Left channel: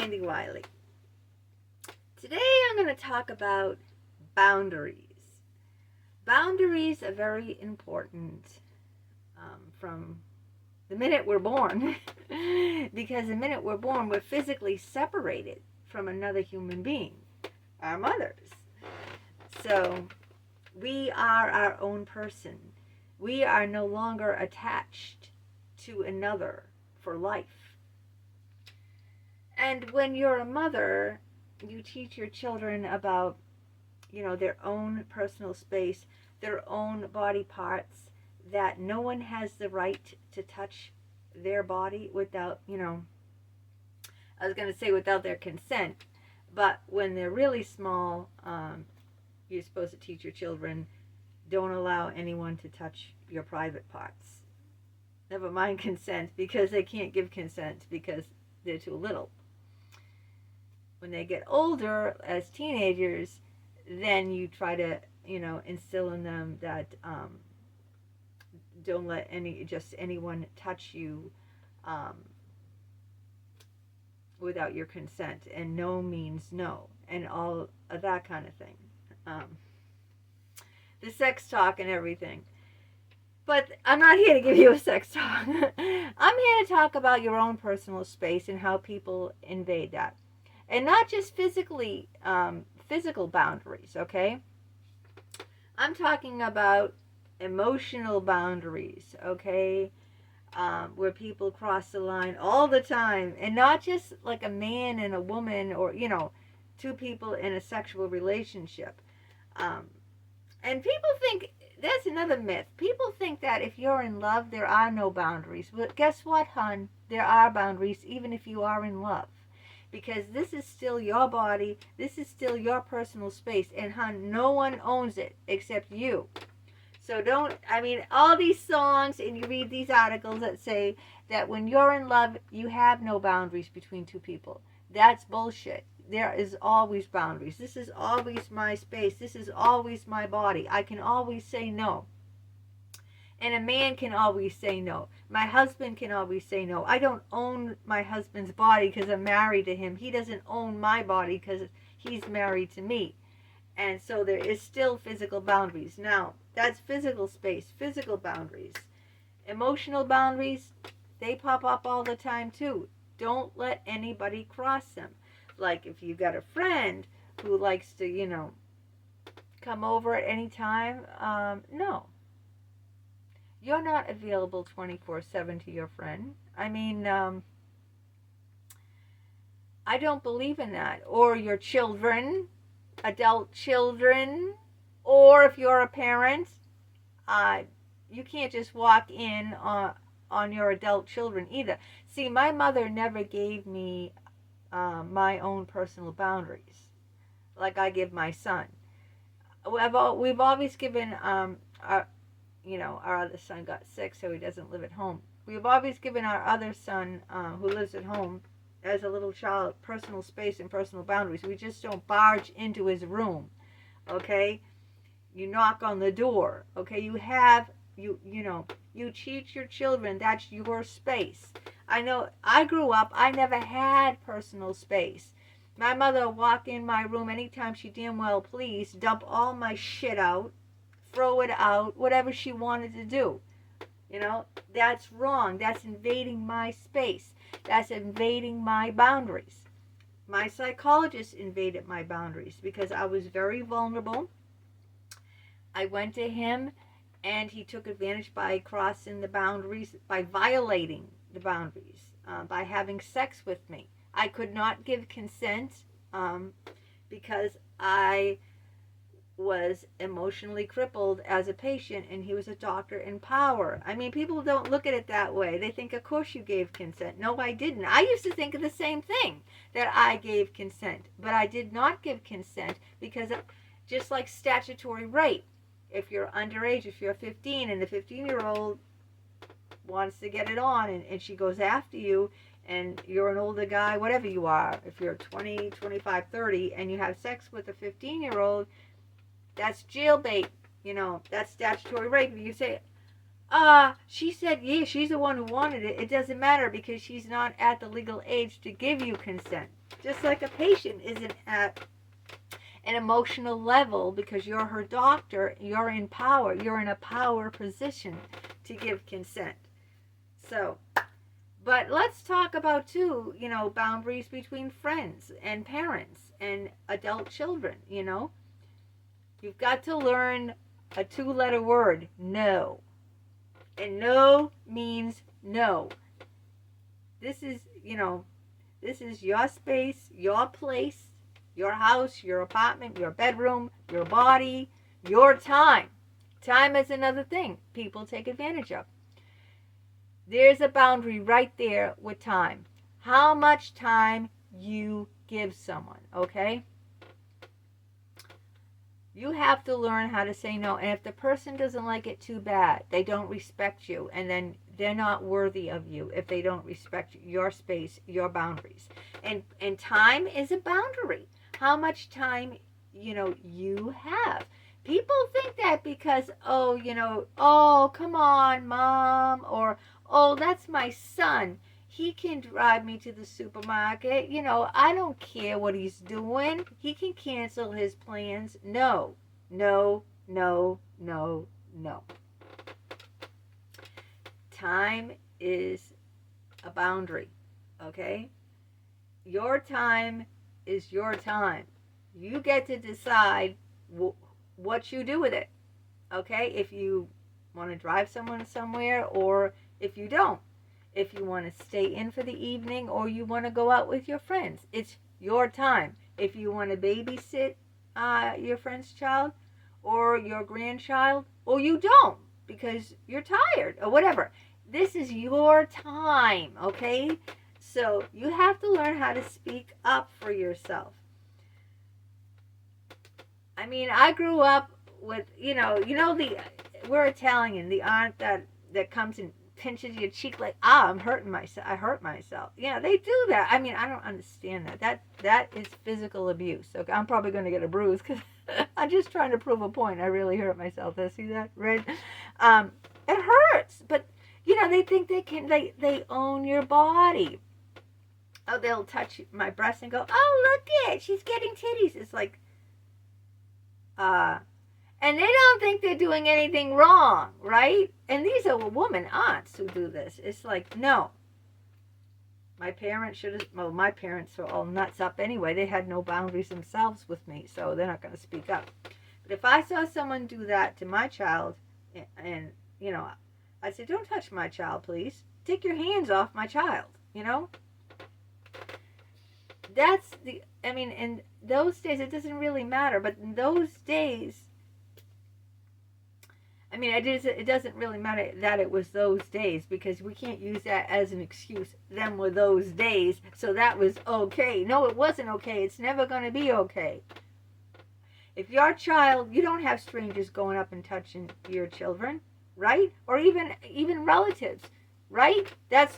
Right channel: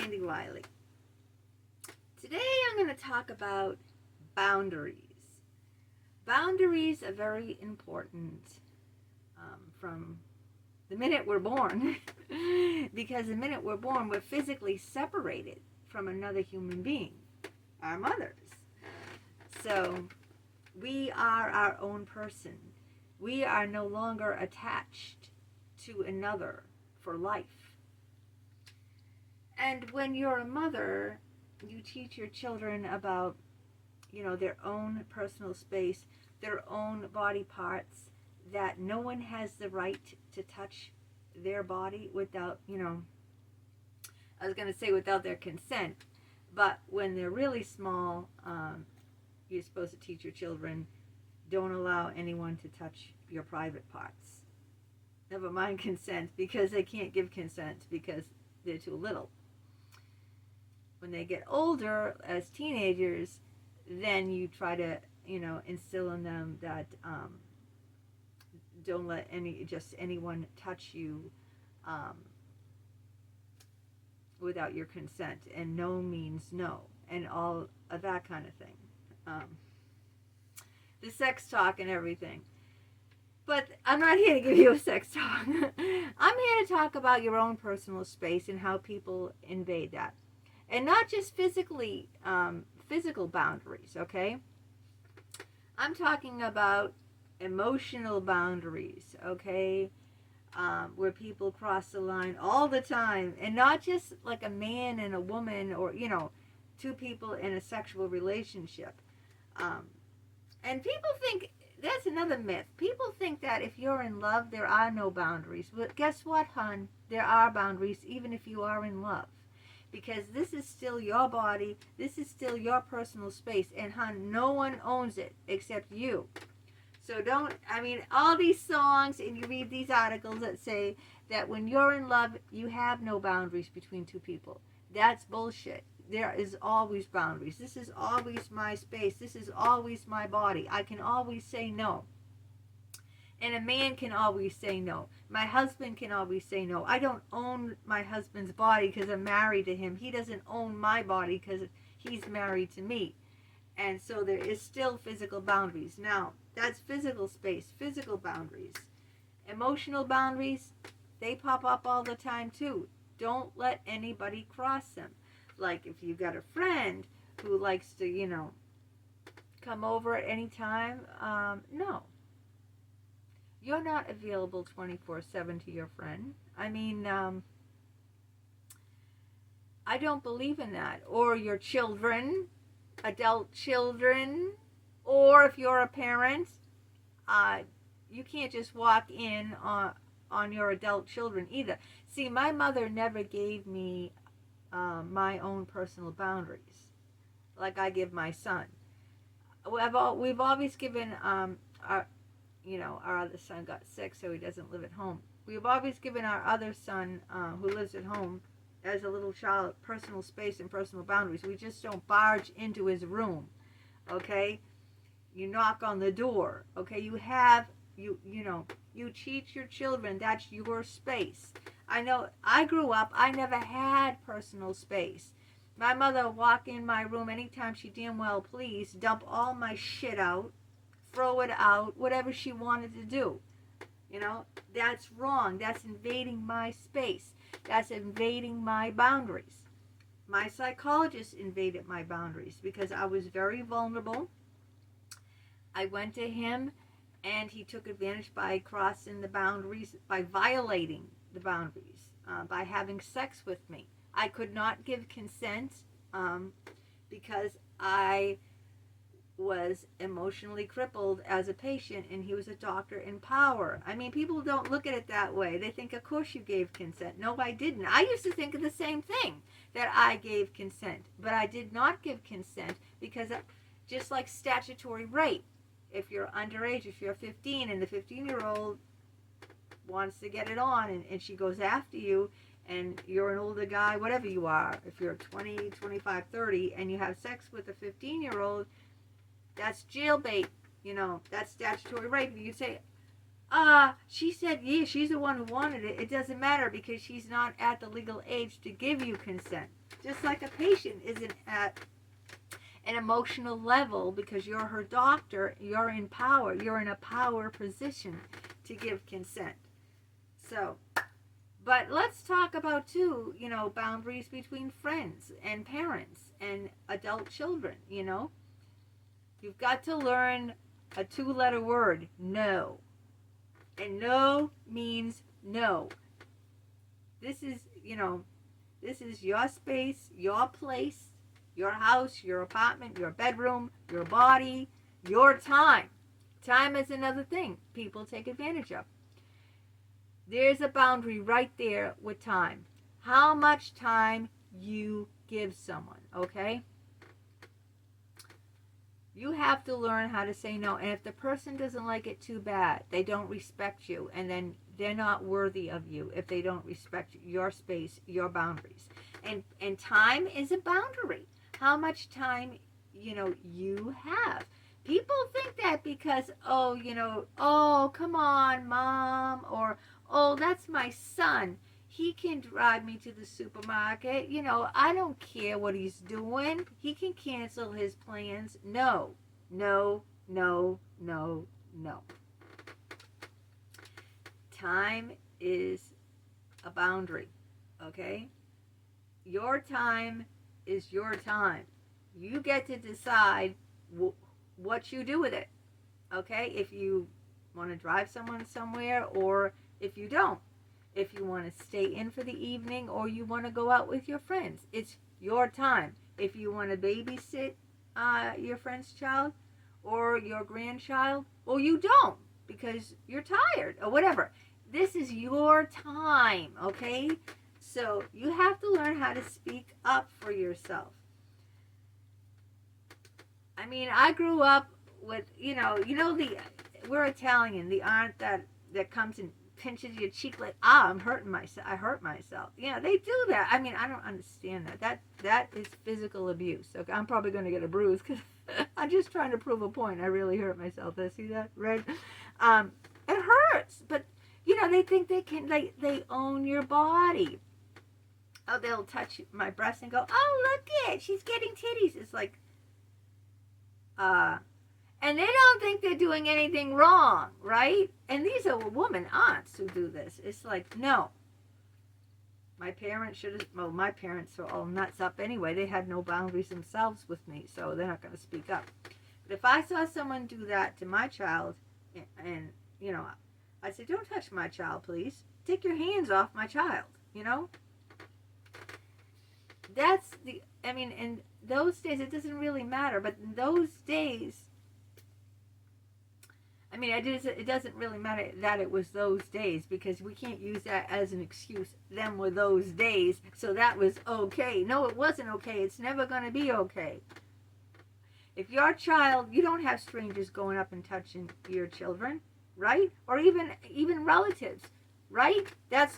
Sandy Wyllie. Today I'm going to talk about boundaries. Boundaries are very important from the minute we're born because the minute we're born we're physically separated from another human being, our mothers. So we are our own person. We are no longer attached to another for life. And when you're a mother, you teach your children about, their own personal space, their own body parts, that no one has the right to touch their body without, I was going to say without their consent. But when they're really small, you're supposed to teach your children, don't allow anyone to touch your private parts. Never mind consent, because they can't give consent because they're too little. When they get older, as teenagers, then you try to, instill in them that don't let anyone touch you without your consent, and no means no, and all of that kind of thing. The sex talk and everything. But I'm not here to give you a sex talk. I'm here to talk about your own personal space and how people invade that. And not just physical boundaries, okay? I'm talking about emotional boundaries, okay? Where people cross the line all the time. And not just like a man and a woman or, two people in a sexual relationship. And people think, that's another myth. People think that if you're in love, there are no boundaries. But guess what, hon? There are boundaries even if you are in love. Because this is still your body. This is still your personal space. And, hon, no one owns it except you. So all these songs and you read these articles that say that when you're in love, you have no boundaries between two people. That's bullshit. There is always boundaries. This is always my space. This is always my body. I can always say no. And a man can always say no. My husband can always say no. I don't own my husband's body because I'm married to him. He doesn't own my body because he's married to me. And so there is still physical boundaries. Now, that's physical space, physical boundaries. Emotional boundaries, they pop up all the time too. Don't let anybody cross them. Like if you got a friend who likes to, come over at any time, no. You're not available 24/7 to your friend. I mean, I don't believe in that. Or your children, adult children, or if you're a parent, you can't just walk in on your adult children either. See, my mother never gave me my own personal boundaries like I give my son. We've always given our other son got sick, so he doesn't live at home. We've always given our other son who lives at home as a little child personal space and personal boundaries. We just don't barge into his room, okay? You knock on the door, okay? You teach your children that's your space. I know I grew up, I never had personal space. My mother would walk in my room anytime she damn well pleased, dump all my shit out, throw it out, whatever she wanted to do. That's wrong. That's invading my space. That's invading my boundaries. My psychologist invaded my boundaries because I was very vulnerable. I went to him and he took advantage by crossing the boundaries, by violating the boundaries, by having sex with me. I could not give consent because I was emotionally crippled as a patient and he was a doctor in power. I mean, people don't look at it that way. They think, of course you gave consent. No, I didn't. I used to think of the same thing, that I gave consent, but I did not give consent because just like statutory rape, if you're underage, if you're 15 and the 15-year-old wants to get it on and she goes after you and you're an older guy, whatever you are, if you're 20, 25, 30 and you have sex with a 15-year-old, that's jailbait, that's statutory rape. You say, she said, yeah, she's the one who wanted it. It doesn't matter because she's not at the legal age to give you consent. Just like a patient isn't at an emotional level because you're her doctor, you're in power. You're in a power position to give consent. So, but let's talk about, too, boundaries between friends and parents and adult children, You've got to learn a 2-letter word, no. And no means no. This is your space, your place, your house, your apartment, your bedroom, your body, your time. Time is another thing people take advantage of. There's a boundary right there with time. How much time you give someone, okay? You have to learn how to say no. And if the person doesn't like it, too bad. They don't respect you. And then they're not worthy of you if they don't respect your space, your boundaries. And time is a boundary. How much time, you have. People think that because, oh, come on, Mom, or, oh, that's my son. He can drive me to the supermarket. I don't care what he's doing. He can cancel his plans. No, no, no, no, no. Time is a boundary, okay? Your time is your time. You get to decide what you do with it, okay? If you want to drive someone somewhere or if you don't. If you want to stay in for the evening or you want to go out with your friends. It's your time. If you want to babysit your friend's child or your grandchild, or you don't because you're tired or whatever. This is your time, okay? So you have to learn how to speak up for yourself. I mean, I grew up with, we're Italian, the aunt that comes and pinches your cheek like, I'm hurting myself. I hurt myself. Yeah, they do that. I mean, I don't understand that. That is physical abuse. Okay, I'm probably going to get a bruise because I'm just trying to prove a point. I really hurt myself. I see that, right? It hurts, but they think they own your body. Oh, they'll touch my breast and go, oh, look it, she's getting titties. It's like, and they don't think they're doing anything wrong, right? And these are woman aunts who do this. It's like, no. My parents my parents are all nuts up anyway. They had no boundaries themselves with me, so they're not going to speak up. But if I saw someone do that to my child, and I said, don't touch my child, please. Take your hands off my child, That's in those days, it doesn't really matter, but in those days, it doesn't really matter that it was those days because we can't use that as an excuse. Them were those days, so that was okay. No, it wasn't okay. It's never going to be okay. If your child, you don't have strangers going up and touching your children, right? Or even relatives, right? That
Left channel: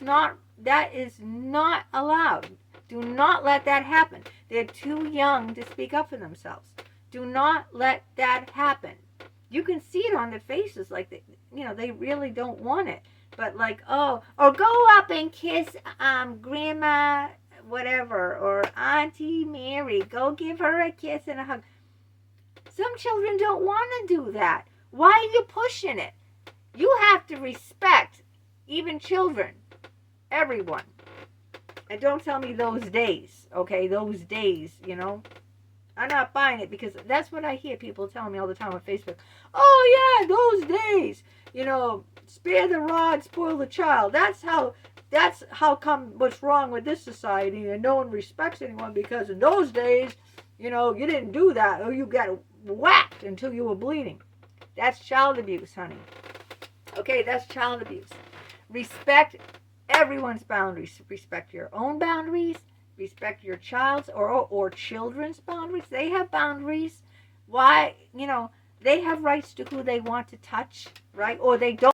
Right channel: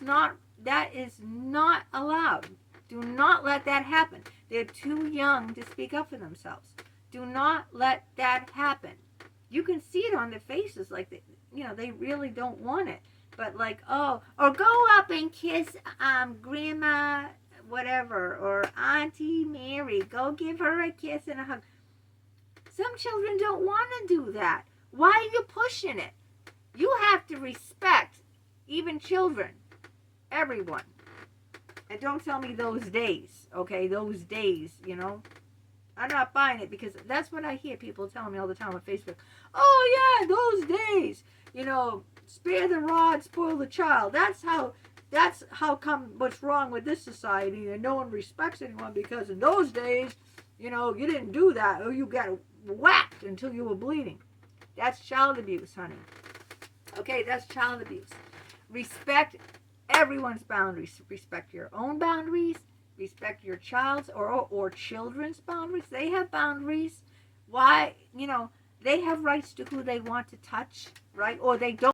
is not allowed. Do not let that happen. They're too young to speak up for themselves. Do not let that happen. You can see it on their faces, like they really don't want it. But like, oh, or go up and kiss Grandma whatever, or Auntie Mary. Go give her a kiss and a hug. Some children don't want to do that. Why are you pushing it? You have to respect even children, everyone. And don't tell me those days, okay? Those days, I'm not buying it because that's what I hear people telling me all the time on Facebook. Oh, yeah, those days, spare the rod, spoil the child. That's how come what's wrong with this society and no one respects anyone because in those days, you didn't do that or you got whacked until you were bleeding. That's child abuse, honey. Okay, that's child abuse. Respect everyone's boundaries. Respect your own boundaries. Respect your child's or children's boundaries. They have boundaries. Why, they have rights to who they want to touch, right? Or they don't.